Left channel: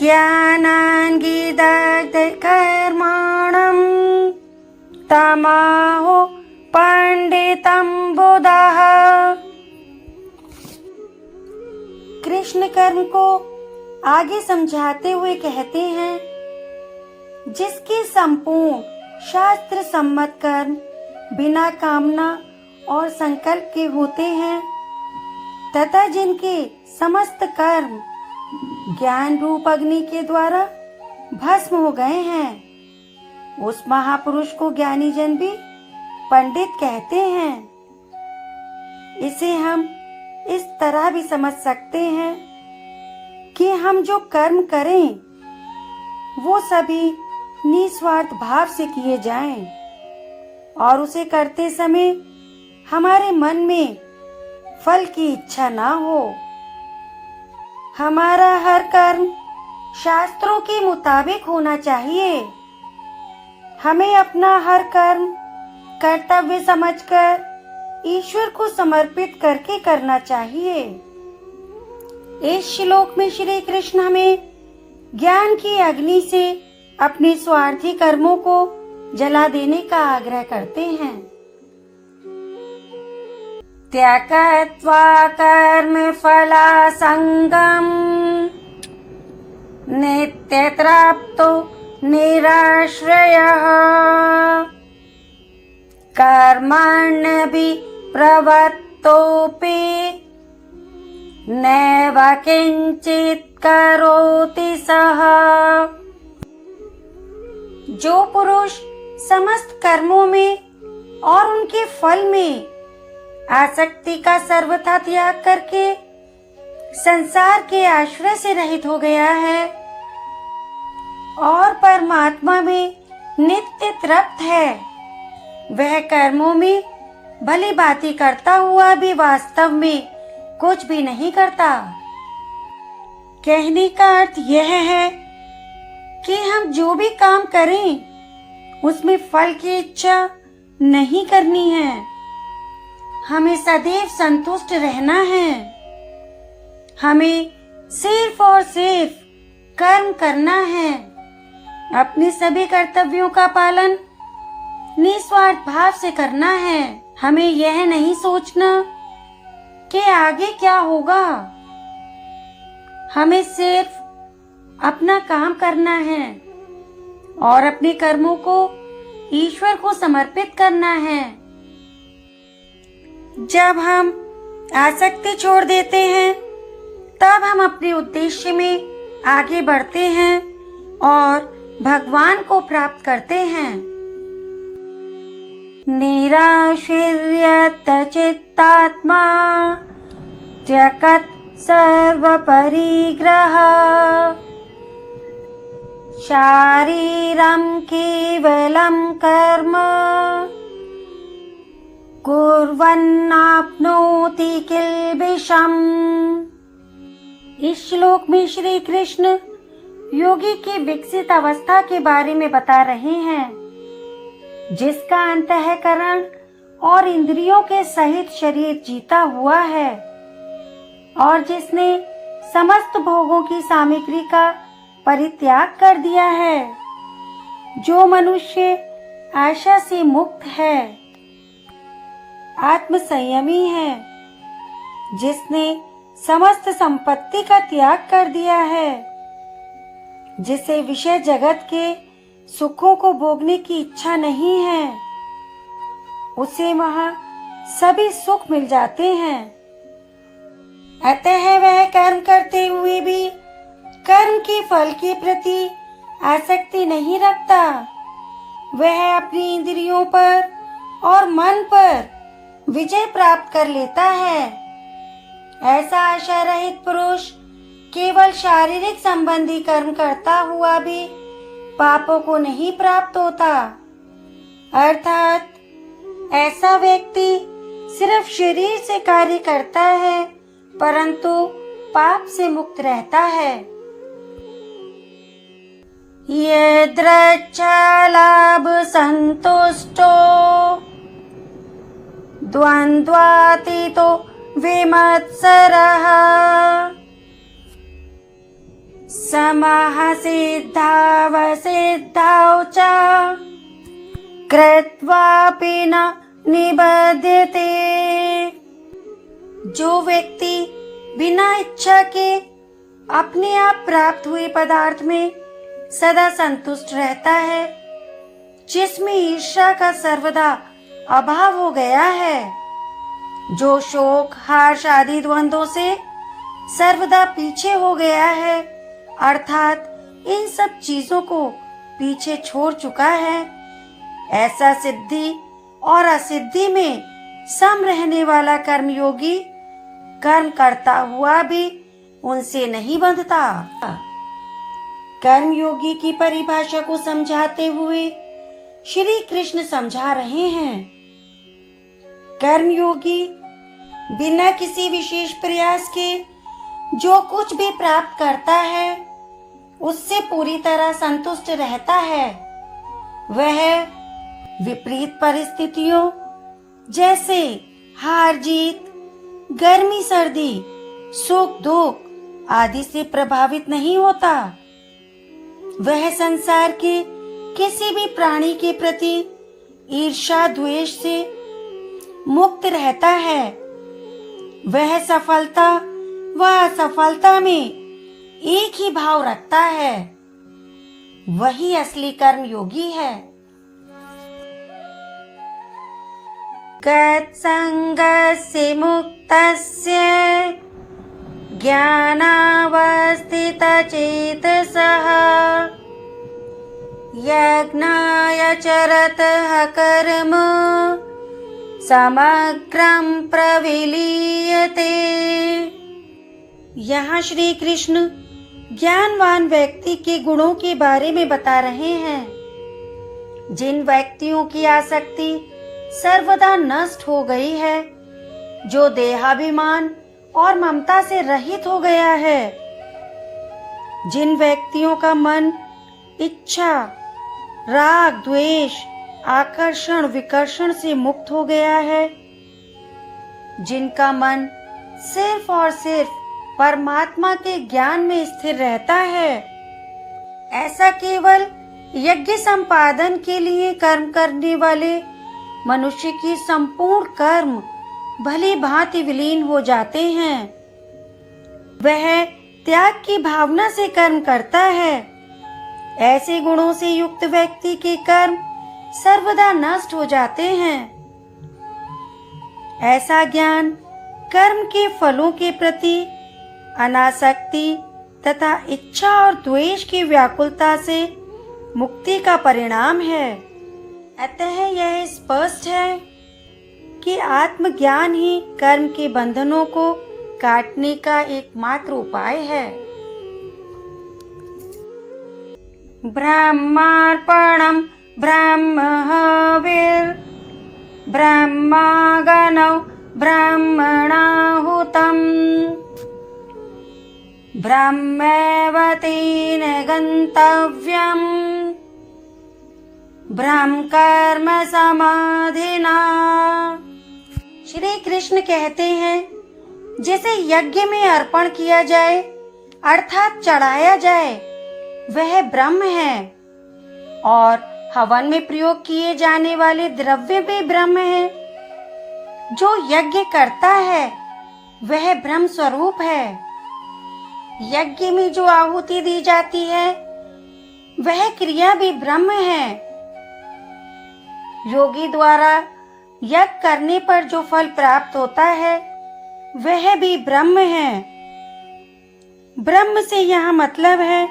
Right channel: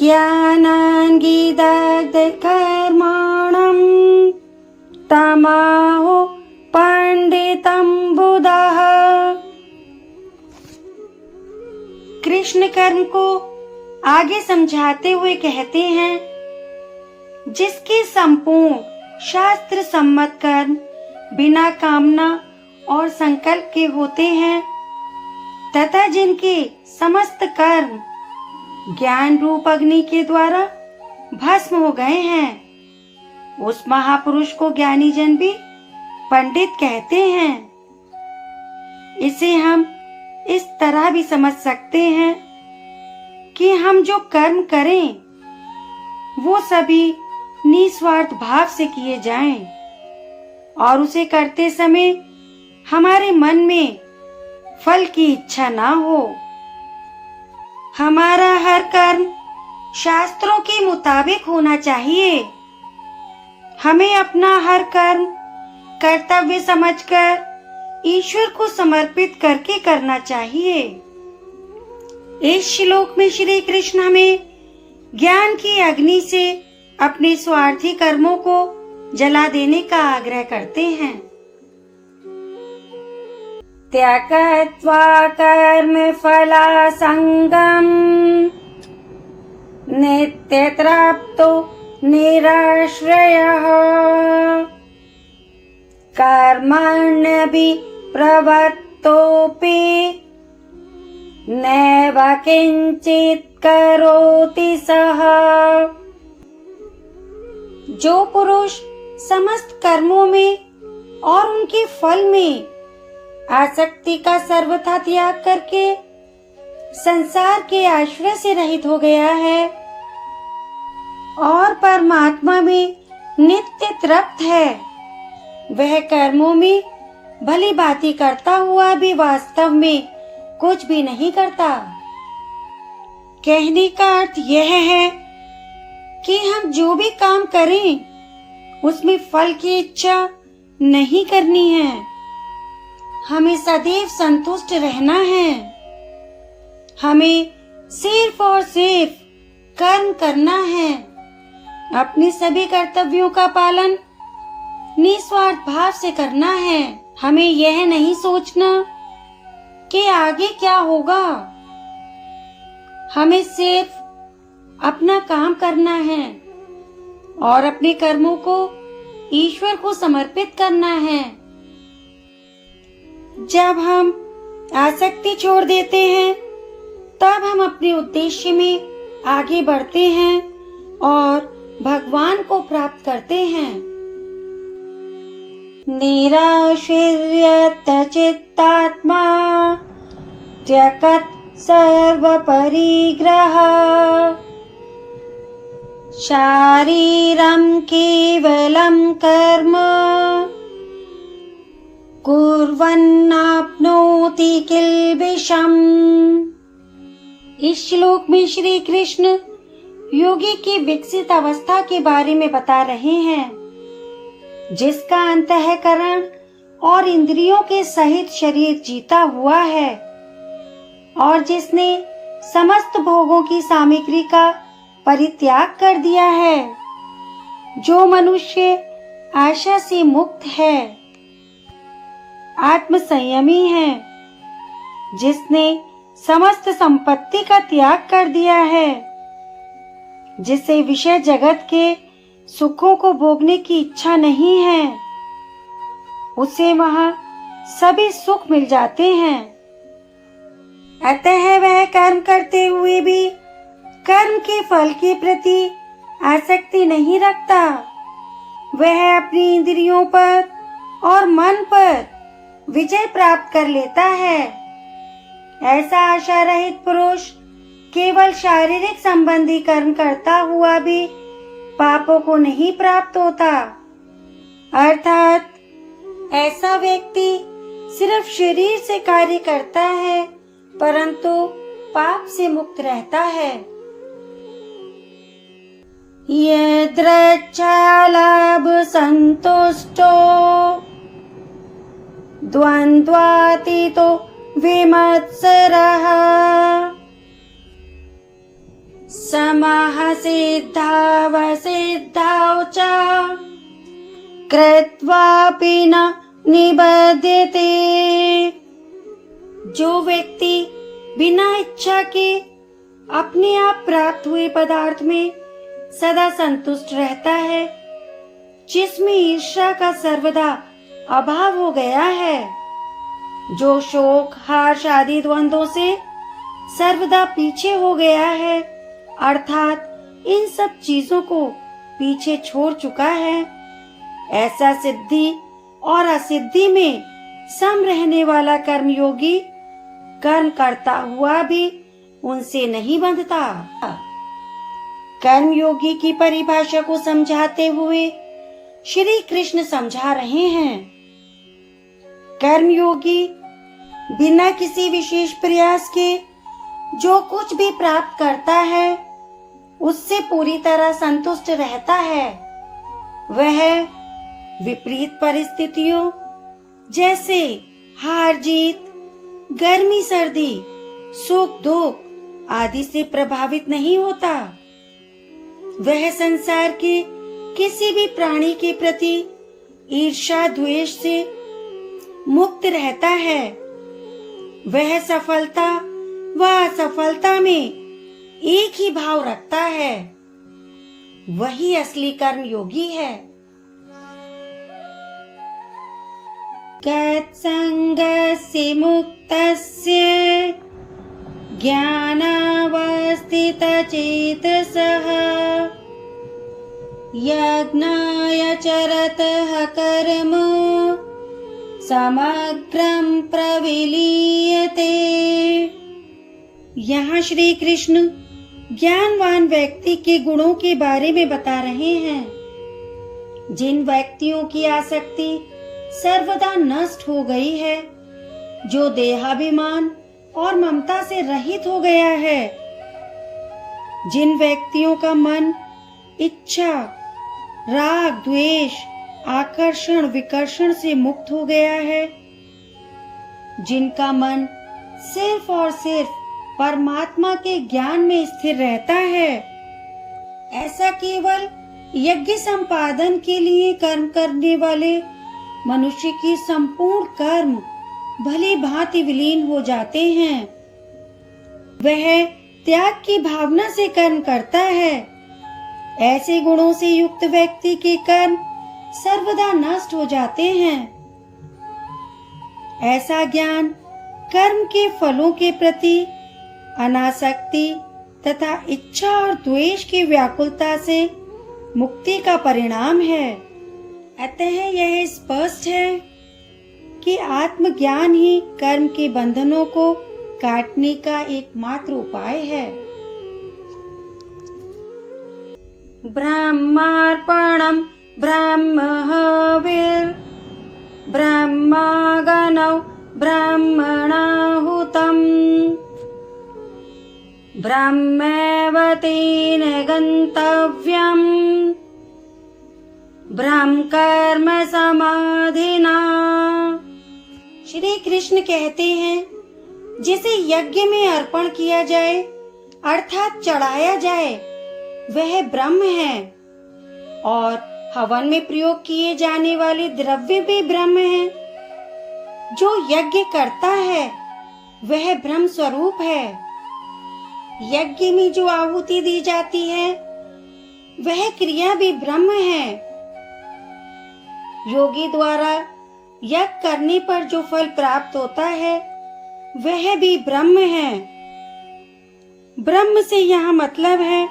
ज्ञानाङ्गीदग्धकर्माणं तमाहो पंडितम बुधः। कृष्ण कर्म को आगे समझाते हुए कहते हैं, जिसके संपूर्ण शास्त्र सम्मत कर्म बिना कामना और संकल्प के होते हैं तथा जिनके समस्त कर्म ज्ञान रूप अग्नि के द्वारा भस्म हो गए हैं, उस महापुरुष को ज्ञानी जन भी पंडित कहते हैं। इसे हम इस तरह भी समझ सकते हैं कि हम जो कर्म करें वो सभी निस्वार्थ भाव से किए जाएं और उसे करते समय हमारे मन में फल की इच्छा ना हो। हमारा हर कर्म शास्त्रों के मुताबिक होना चाहिए। हमें अपना हर कर्म कर्तव्य समझकर ईश्वर को समर्पित करके करना चाहिए। इस श्लोक में श्री कृष्ण हमें ज्ञान की अग्नि से अपने स्वार्थी कर्मों को जला देने का आग्रह करते हैं। त्यक्त्वा कर्म फलासंगम नित्यतृप्तो निराश्रयः कर्मण्यपि प्रवृत्तोऽपि नैव किंचित् करोति सः। जो पुरुष समस्त कर्मों में और उनके फल में आसक्ति का सर्वथा त्याग करके संसार के आश्रय से रहित हो गया है और परमात्मा में नित्य तृप्त है, वह कर्मों में भली भांति करता हुआ भी वास्तव में कुछ भी नहीं करता। कहने का अर्थ यह है कि हम जो भी काम करें उसमें फल की इच्छा नहीं करनी है। हमें सदैव संतुष्ट रहना है। हमें सिर्फ और सिर्फ कर्म करना है। अपने सभी कर्तव्यों का पालन निस्वार्थ भाव से करना है। हमें यह नहीं सोचना कि आगे क्या होगा। हमें सिर्फ अपना काम करना है और अपने कर्मों को ईश्वर को समर्पित करना है। जब हम आसक्ति छोड़ देते हैं तब हम अपने उद्देश्य में आगे बढ़ते हैं और भगवान को प्राप्त करते हैं। निराशीर्यत चित्तात्मा त्यक्त सर्व परिग्रह शारीरं केवलं कर्म कुर्वन्नाप्नोति किल्बिषम्। इस श्लोक में श्री कृष्ण योगी की विकसित अवस्था के बारे में बता रहे हैं, जिसका अंतःकरण और इंद्रियों के सहित शरीर जीता हुआ है और जिसने समस्त भोगों की सामग्री का परित्याग कर दिया है। जो मनुष्य आशा से मुक्त है, आत्म संयमी है, जिसने समस्त संपत्ति का त्याग कर दिया है, जिसे विषय जगत के सुखों को भोगने की इच्छा नहीं है, उसे वहाँ सभी सुख मिल जाते हैं। अतः वह कर्म करते हुए भी कर्म के फल के प्रति आसक्ति नहीं रखता। वह अपनी इंद्रियों पर और मन पर विजय प्राप्त कर लेता है। ऐसा आशा रहित पुरुष केवल शारीरिक संबंधी कर्म करता हुआ भी पापों को नहीं प्राप्त होता। अर्थात ऐसा व्यक्ति सिर्फ शरीर से कार्य करता है परंतु पाप से मुक्त रहता है। यद्रच्छालाभ संतुष्टो द्वन्द्वातीतो विमत्सरः समाः सिद्धावसिद्धौ च कृत्वापि न निबध्यते। जो व्यक्ति बिना इच्छा के अपने आप प्राप्त हुए पदार्थ में सदा संतुष्ट रहता है, जिसमें ईर्ष्या का सर्वदा अभाव हो गया है, जो शोक हर्ष आदि द्वंद्वों से सर्वदा पीछे हो गया है, अर्थात इन सब चीजों को पीछे छोड़ चुका है, ऐसा सिद्धि और असिद्धि में सम रहने वाला कर्मयोगी कर्म करता हुआ भी उनसे नहीं बंधता। कर्मयोगी की परिभाषा को समझाते हुए श्री कृष्ण समझा रहे हैं, कर्मयोगी बिना किसी विशेष प्रयास के जो कुछ भी प्राप्त करता है उससे पूरी तरह संतुष्ट रहता है। वह विपरीत परिस्थितियों जैसे हार जीत, गर्मी सर्दी, सुख दुख आदि से प्रभावित नहीं होता। वह संसार के किसी भी प्राणी के प्रति ईर्ष्या द्वेष से मुक्त रहता है। वह सफलता व असफलता में एक ही भाव रखता है। वही असली कर्मयोगी है। गत्सङ्गस्य मुक्तस्य ज्ञानावस्थितचेतसः यज्ञाय चरतः कर्म समग्रं प्रविलीयते। यहाँ श्री कृष्ण ज्ञानवान व्यक्ति के गुणों के बारे में बता रहे हैं। जिन व्यक्तियों की आसक्ति सर्वदा नष्ट हो गई है, जो देहाभिमान और ममता से रहित हो गया है, जिन व्यक्तियों का मन इच्छा, राग, द्वेष, आकर्षण, विकर्षण से मुक्त हो गया है, जिनका मन सिर्फ और सिर्फ परमात्मा के ज्ञान में स्थिर रहता है, ऐसा केवल यज्ञ संपादन के लिए कर्म करने वाले मनुष्य की संपूर्ण कर्म भली भांति विलीन हो जाते हैं। वह त्याग की भावना से कर्म करता है। ऐसे गुणों से युक्त व्यक्ति के कर्म सर्वदा नष्ट हो जाते हैं। ऐसा ज्ञान कर्म के फलों के प्रति अनासक्ति तथा इच्छा और द्वेष की व्याकुलता से मुक्ति का परिणाम है। अतः यह स्पष्ट है कि आत्मज्ञान ही कर्म के बंधनों को काटने का एकमात्र उपाय है। ब्रह्मार्पणम् ब्रह्महविर् ब्रह्मागणौ ब्रह्मणाहुतम् ब्रह्मैव तेन गन्तव्यम् ब्रह्म कर्म समाधिना। श्री कृष्ण कहते हैं, जिसे यज्ञ में अर्पण किया जाए अर्थात चढ़ाया जाए वह ब्रह्म है, और हवन में प्रयोग किए जाने वाले द्रव्य भी ब्रह्म है। जो यज्ञ करता है वह ब्रह्म स्वरूप है। यज्ञ में जो आहुति दी जाती है वह क्रिया भी ब्रह्म है। योगी द्वारा यज्ञ करने पर जो फल प्राप्त होता है वह भी ब्रह्म है। ब्रह्म से यहाँ मतलब है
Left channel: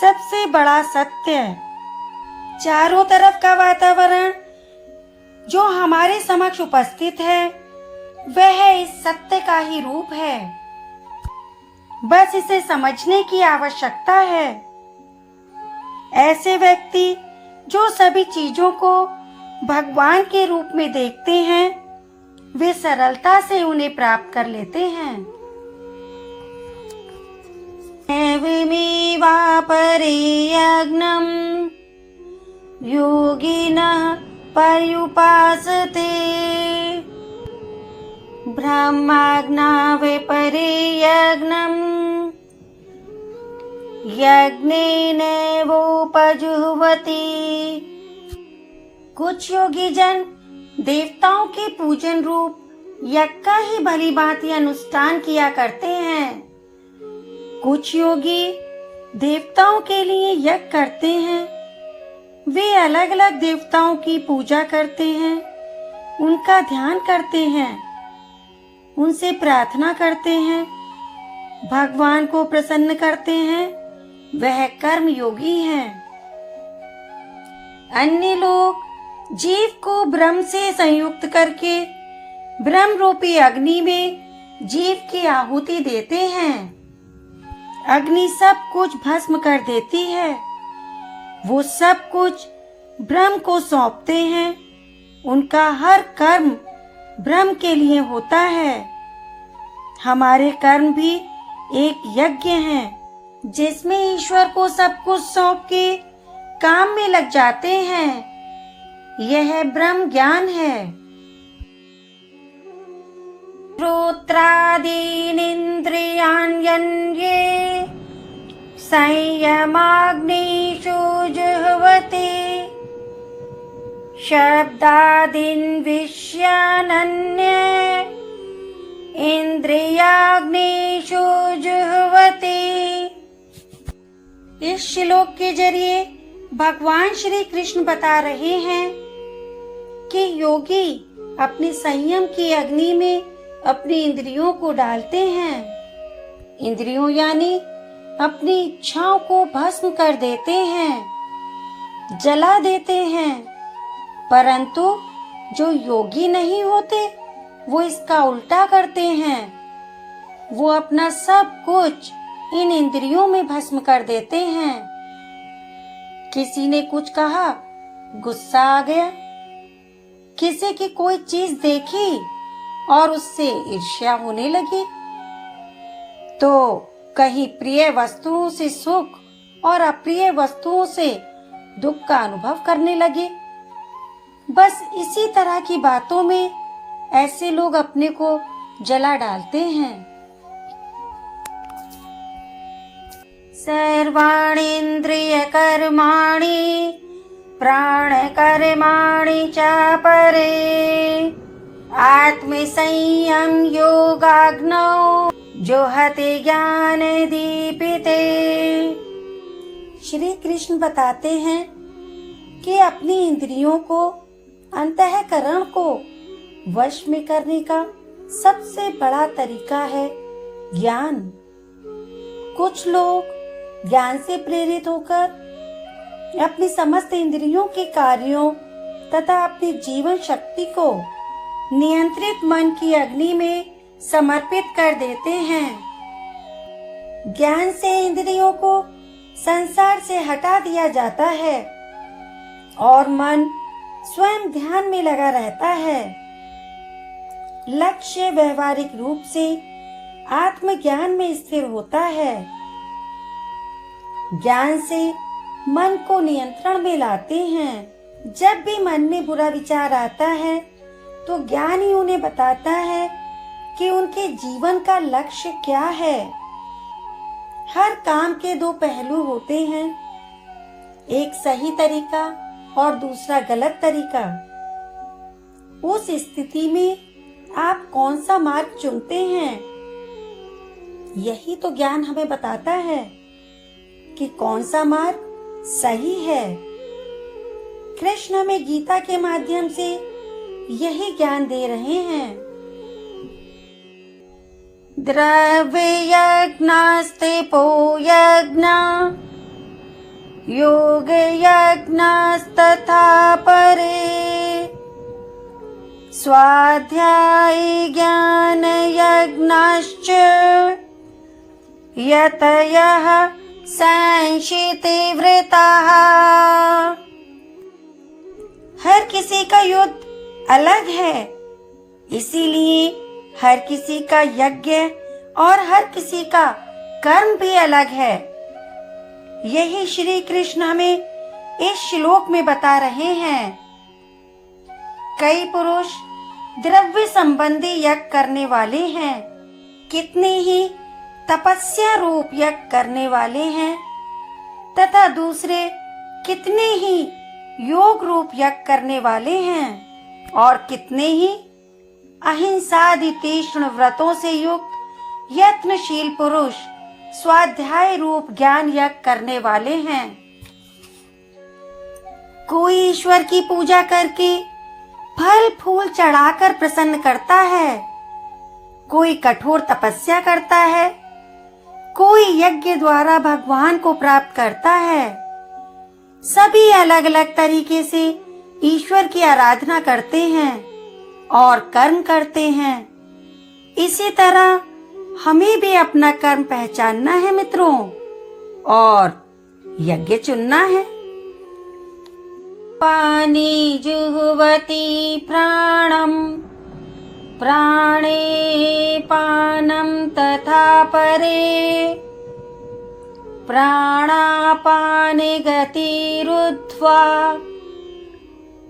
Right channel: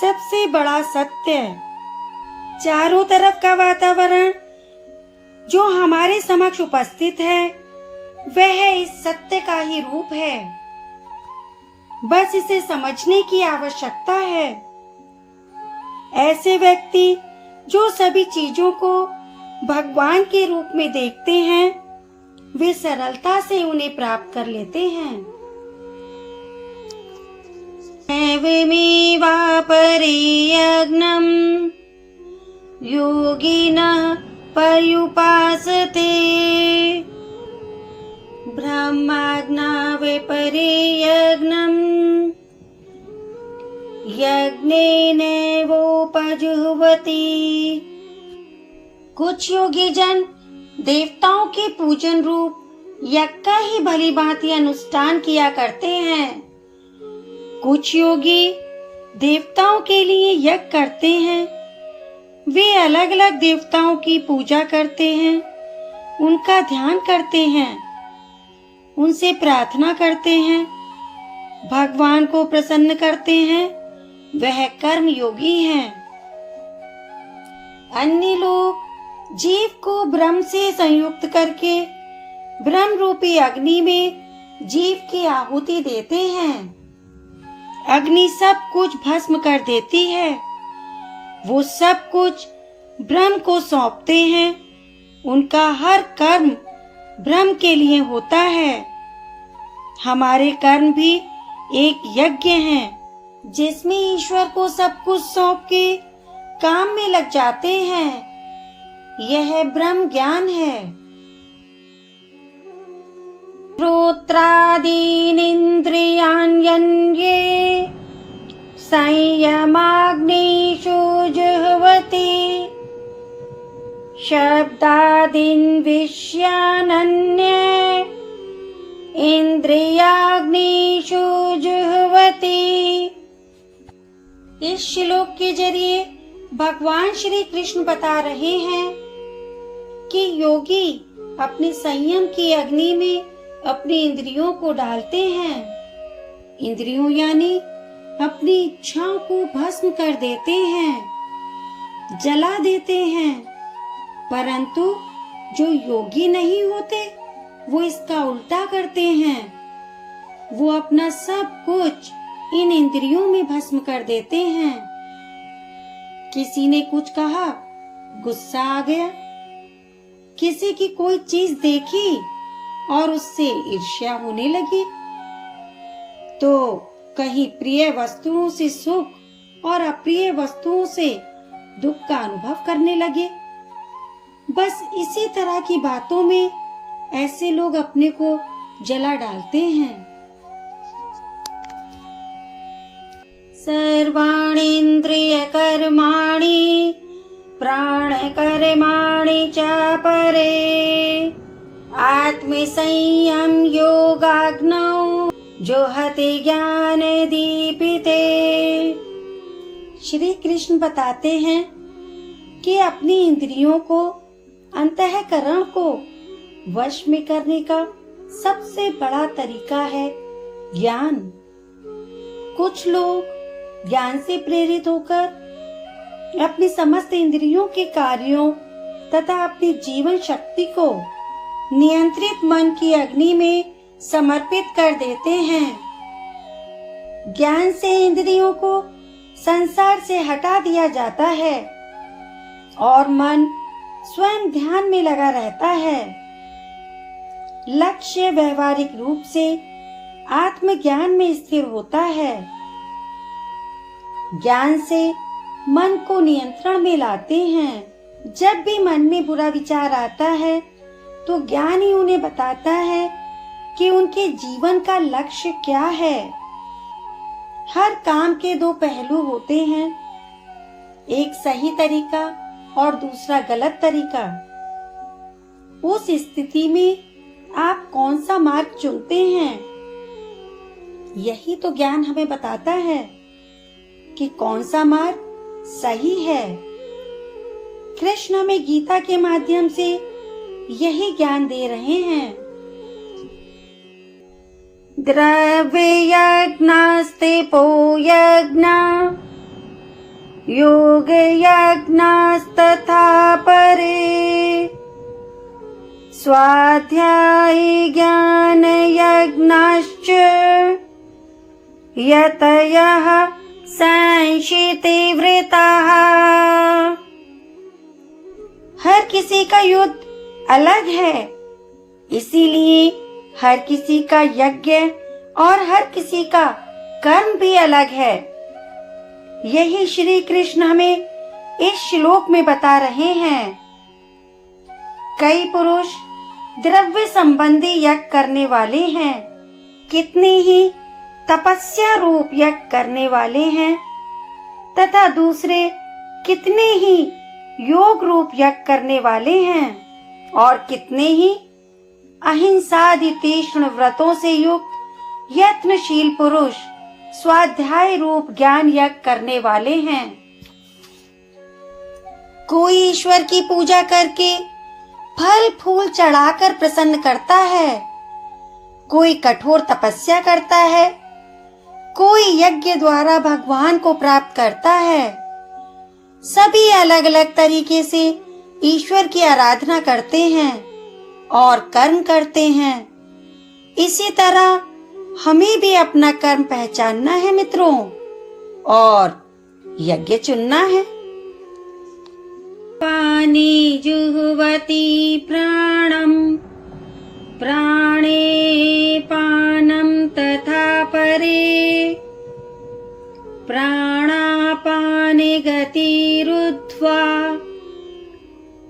सबसे बड़ा सत्य। चारों तरफ का वातावरण जो हमारे समक्ष उपस्थित है वह इस सत्य का ही रूप है। बस इसे समझने की आवश्यकता है। ऐसे व्यक्ति जो सभी चीजों को भगवान के रूप में देखते हैं वे सरलता से उन्हें प्राप्त कर लेते हैं। एवमेवापरे यज्ञम् योगिनः पर्युपासते ब्रह्माज्ञावे परे यज्ञम् यज्ञेनैवोपजुह्वति। कुछ योगी जन देवताओं के पूजन रूप यज्ञ का ही भली भांति अनुष्ठान किया करते हैं। कुछ योगी देवताओं के लिए यज्ञ करते हैं। वे अलग अलग देवताओं की पूजा करते हैं, उनका ध्यान करते हैं, उनसे प्रार्थना करते हैं, भगवान को प्रसन्न करते हैं। वह कर्म योगी हैं। अन्य लोग जीव को ब्रह्म से संयुक्त करके ब्रह्म रूपी अग्नि में जीव की आहुति देते हैं। अग्नि सब कुछ भस्म कर देती है। वो सब कुछ ब्रह्म को सौंपते हैं। उनका हर कर्म ब्रह्म के लिए होता है। हमारे कर्म भी एक यज्ञ है जिसमें ईश्वर को सब कुछ सौंप के काम में लग जाते हैं। यह ब्रह्म ज्ञान है। श्रोत्रादीनिन्द्रियाण्यन्ये संयमाग्निषु जुह्वति। शब्दादीन् विषयानन्ये इंद्रियाग्निषु जुह्वति। इस श्लोक के जरिए भगवान श्री कृष्ण बता रहे हैं कि योगी अपने संयम की अग्नि में अपनी इंद्रियों को डालते हैं। इंद्रियों यानी अपनी इच्छाओं को भस्म कर देते हैं, जला देते हैं। परंतु जो योगी नहीं होते वो इसका उल्टा करते हैं। वो अपना सब कुछ इन इंद्रियों में भस्म कर देते हैं। किसी ने कुछ कहा, गुस्सा आ गया। किसी की कोई चीज देखी और उससे ईर्ष्या होने लगी। तो कहीं प्रिय वस्तुओं से सुख और अप्रिय वस्तुओं से दुख का अनुभव करने लगे। बस इसी तरह की बातों में ऐसे लोग अपने को जला डालते हैं। सर्वाणीन्द्रिय कर्माणि प्राण कर्माणि च परे आत्मसंयम योगाग्नौ जुह्वति ज्ञान दीपिते। श्री कृष्ण बताते हैं कि अपनी इंद्रियों को, अंतःकरण को वश में करने का सबसे बड़ा तरीका है ज्ञान। कुछ लोग ज्ञान से प्रेरित होकर अपनी समस्त इंद्रियों के कार्यों तथा अपनी जीवन शक्ति को नियंत्रित मन की अग्नि में समर्पित कर देते हैं। ज्ञान से इंद्रियों को संसार से हटा दिया जाता है और मन स्वयं ध्यान में लगा रहता है। लक्ष्य व्यवहारिक रूप से आत्मज्ञान में स्थिर होता है। ज्ञान से मन को नियंत्रण में लाते हैं। जब भी मन में बुरा विचार आता है तो ज्ञान ही उन्हें बताता है कि उनके जीवन का लक्ष्य क्या है। हर काम के दो पहलू होते हैं, एक सही तरीका और दूसरा गलत तरीका। उस स्थिति में आप कौन सा मार्ग चुनते हैं, यही तो ज्ञान हमें बताता है कि कौन सा मार्ग सही है। कृष्ण हमें गीता के माध्यम से यही ज्ञान दे रहे हैं। द्रव्य यज्ञास्तेपो यज्ञा योग यज्ञास्तथा परे स्वाध्याय ज्ञान यज्ञाश्च यतयः संशिति वृताः। हर किसी का युद्ध अलग है, इसीलिए हर किसी का यज्ञ और हर किसी का कर्म भी अलग है। यही श्री कृष्ण हमें इस श्लोक में बता रहे हैं। कई पुरुष द्रव्य संबंधी यज्ञ करने वाले हैं, कितने ही तपस्या रूप यज्ञ करने वाले हैं, तथा दूसरे कितने ही योग रूप यज्ञ करने वाले हैं और कितने ही अहिंसादि तीक्ष्ण व्रतों से युक्त यत्नशील पुरुष स्वाध्याय रूप ज्ञान यज्ञ करने वाले हैं। कोई ईश्वर की पूजा करके फल फूल चढ़ाकर प्रसन्न करता है, कोई कठोर तपस्या करता है, कोई यज्ञ द्वारा भगवान को प्राप्त करता है। सभी अलग अलग तरीके से ईश्वर की आराधना करते हैं और कर्म करते हैं। इसी तरह हमें भी अपना कर्म पहचानना है मित्रों, और यज्ञ चुनना है। पानी जुह्वति प्राणम प्राणे पानम तथा परे प्राणापाने गतिरुद्ध्वा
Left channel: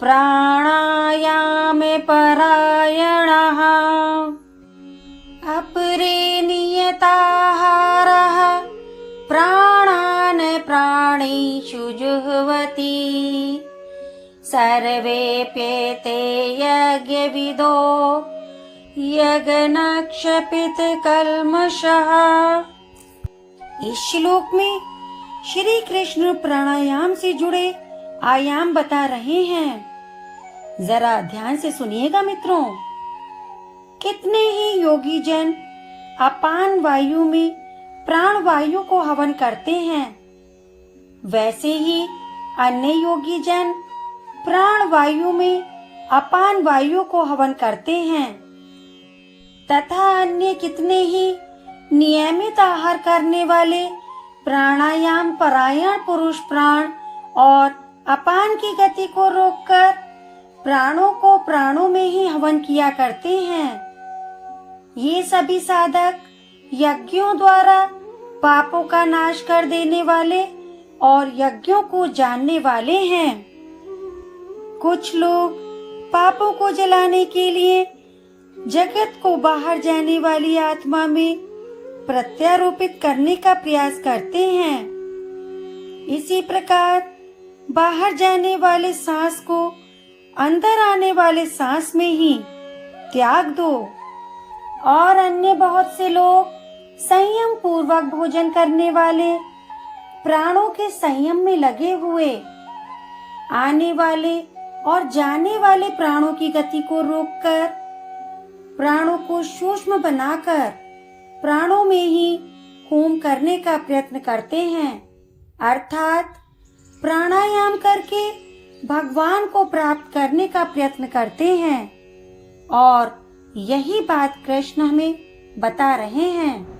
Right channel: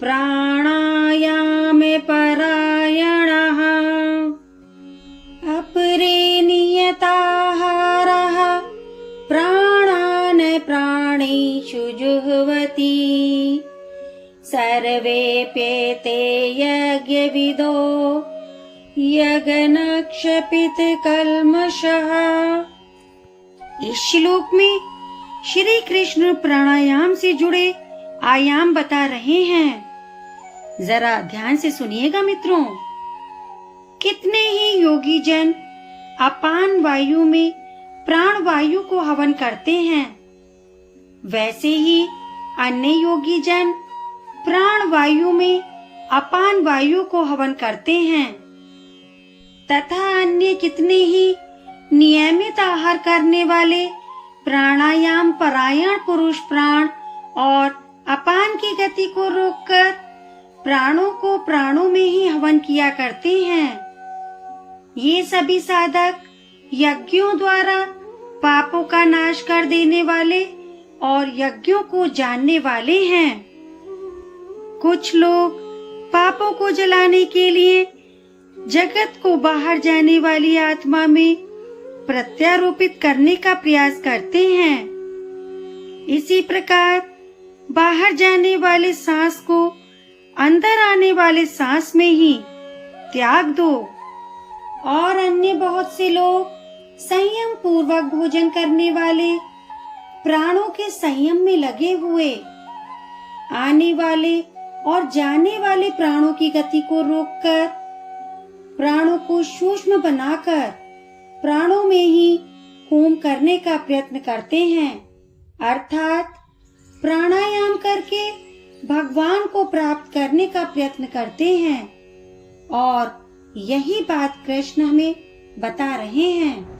प्राणायामे परायणः अपरे नियताहारः प्राणान् प्राणेषु जुह्वति सर्वेऽप्येते यज्ञविदो यज्ञनक्षपित कल्मषः। इस श्लोक में श्री कृष्ण प्राणायाम से जुड़े आयाम बता रहे हैं। जरा ध्यान से सुनिएगा मित्रों। कितने ही योगी जन अपान वायु में प्राण वायु को हवन करते हैं, वैसे ही अन्य योगी जन प्राण वायु में अपान वायु को हवन करते हैं तथा अन्य कितने ही नियमित आहार करने वाले प्राणायाम परायण पुरुष प्राण और अपान की गति को रोककर प्राणों को प्राणों में ही हवन किया करते हैं। ये सभी साधक यज्ञों द्वारा पापों का नाश कर देने वाले और यज्ञों को जानने वाले हैं। कुछ लोग पापों को जलाने के लिए जगत को बाहर जाने वाली आत्मा में प्रत्यारोपित करने का प्रयास करते हैं। इसी प्रकार बाहर जाने वाले सांस को अंदर आने वाले सांस में ही त्याग दो। और अन्य बहुत से लोग संयम पूर्वक भोजन करने वाले प्राणों के संयम में लगे हुए आने वाले और जाने वाले प्राणों की गति को रोककर प्राणों को सूक्ष्म बनाकर प्राणों में ही होम करने का प्रयत्न करते हैं, अर्थात प्राणायाम करके भगवान को प्राप्त करने का प्रयत्न करते हैं। और यही बात कृष्ण हमें बता रहे हैं।